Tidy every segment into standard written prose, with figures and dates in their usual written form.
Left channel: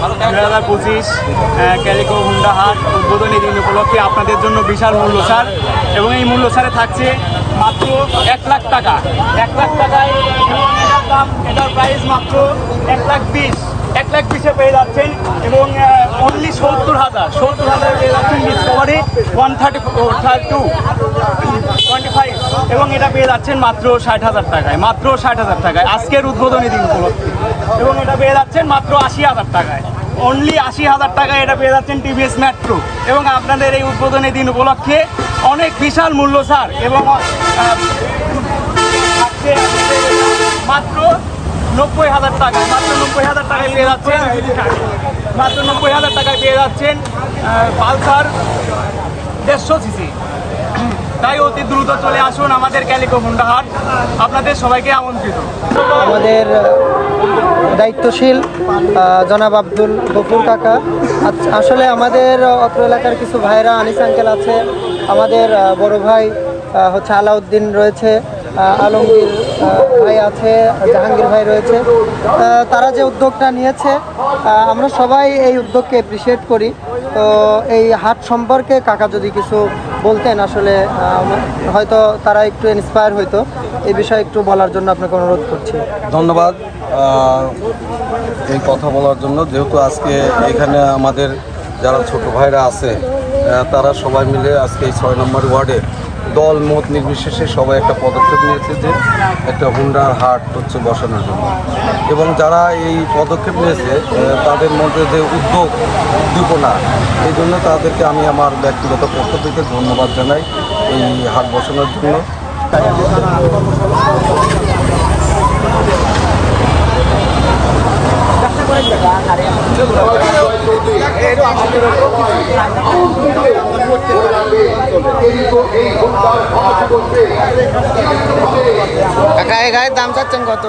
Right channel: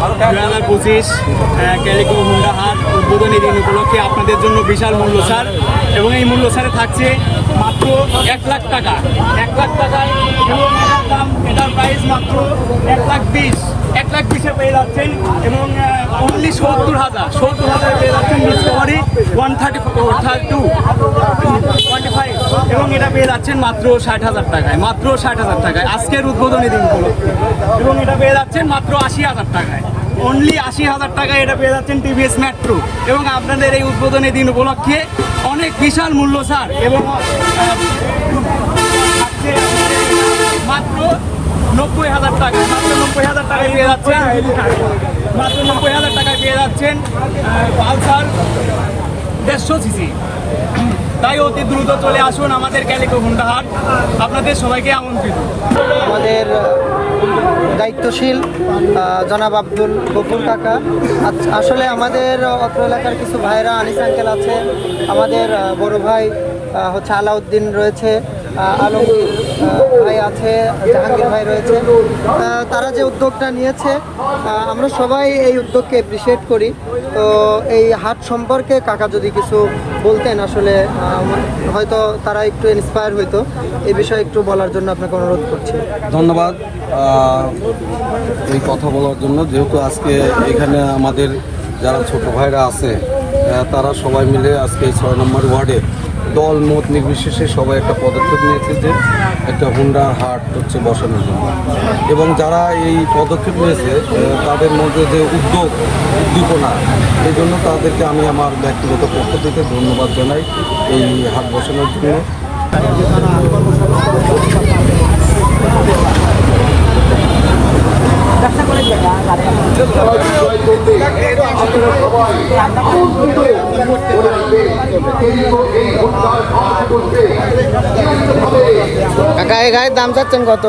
2025 calico Honda হাট উদ্বোধনী দিন উপলক্ষে আপনাদের জন্য বিশাল মূল্য ছাড়, এবং এই মূল্য ছাড়ে থাকছে মাত্র 1 লাখ টাকা। 1 লাখ টাকায় এবং এটার দাম, এটার প্রাইস মাত্র 1,20,000। 1,20,000 পেয়ে যাচ্ছেন এবং অনলি 70,000 পেয়ে যাচ্ছেন ডিসকভারি 132 এবং এটা পেয়ে যাচ্ছেন মাত্র 60,000 টাকায়, মাত্র 60,000 টাকায় আজকের উদ্বোধনী দিন উপলক্ষে। এবং এটা পেয়ে যাচ্ছেন মাত্র 80,000 টাকায়, অনলি 80,000 টাকায় এটা পেয়ে যাচ্ছেন টিভিএস মেট্রো। এবং আপনাদের এই উদ্বোধনী দিন উপলক্ষে অনেক বিশাল মূল্য ছাড় এবং মাত্র 90,000 টাকা, মাত্র 90,000 টাকায় পেয়ে যাচ্ছেন, মাত্র 90,000 টাকায় পেয়ে যাচ্ছেন পালসার 150 সিসি। তাই অতি দ্রুত চলে আসুন আমাদের ক্যালিকো হুন্ডা হাট, আপনাদের সবাইকে আমন্ত্রিত। আমাদের দায়িত্বশীল জনাব আব্দুল গফুর কাকা, আসলে আমাদের অত্র এলাকার কিছু ভাইরা, আনিস আঙ্কেল আছে, আমাদের বড় ভাই হচ্ছে আলাউদ্দিন রয়েছে, আলমগীর ভাই আছে, জাহাঙ্গীর ভাই রয়েছে। তারা যে উদ্যোগটা নিয়েছে আমরা সবাই এই উদ্যোগকে অ্যাপ্রিসিয়েট করি। তো এই হাট সম্পর্কে কাকা যদি কিছু বলতেন, আসলে হয়তো তারা একটু ইন্সপায়ার হইতো, এই বিষয়ে একটু বলার জন্য আপনাকে অনুরোধ করছি। ধন্যবাদ এই কথা বলার জন্য। যেহেতু আজকে এখানে আমাদের যারা ছোট ভাইরা আছে তারা সবাই মিলে আজকে এই 6 নম্বর ওয়ার্ডে দল মত নির্বিশেষে সবাই একটা পদক্ষেপ নিয়েছে যে একটা হুন্ডার হাট হচ্ছে বসানোর জন্য। এবং যারা এই পদক্ষেপ নিয়েছে তাদের মধ্যে যে উদ্দীপনা, এই জন্য তাদেরকে আমি আমার ব্যক্তিগত পক্ষ থেকে ধন্যবাদ জানাই এই হাট বসানোর জন্য। কাকা এই গাড়ির দাম চাচ্ছেন কত?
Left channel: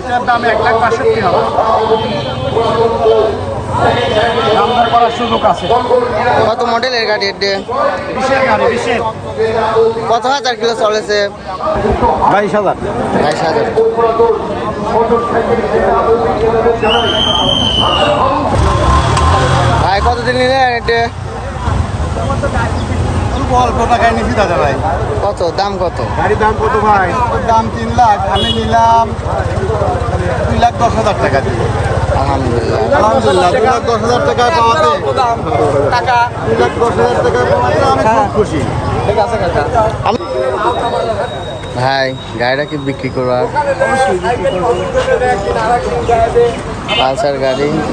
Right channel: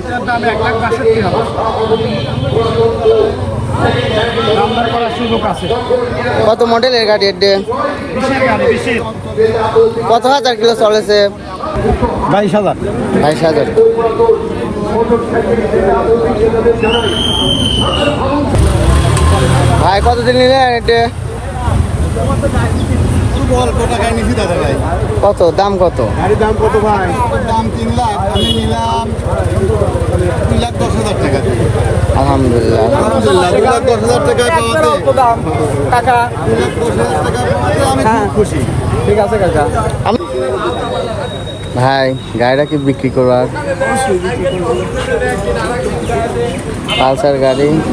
এটার দাম 1,62,000। দাম দর করার সুযোগ আছে। কত মডেলের গাড়ি? বিশের গাড়ি, বিশের। কত হাজার কিলো চলেছে? 22,000। 22,000। ভাই কতদিন নিলেন এটা? অল্প টাকায় নিয়েছি দাদা ভাই। কত দাম? কত গাড়ির দাম কত ভাই? দাম 3 লাখ, আমি নিলাম 2,10,000 টাকা দিয়ে। আলহামদুলিল্লাহ, আলহামদুলিল্লাহ 2,10,000 টাকায় পাওয়াতে, 2,10,000 টাকায় পাওয়াতে আমি খুব খুশি। ঠিক আছে কাকা। ভাই গাড়িটা কি বিক্রি করবার? অবশ্যই বিক্রি করবো। পালসার গাড়ি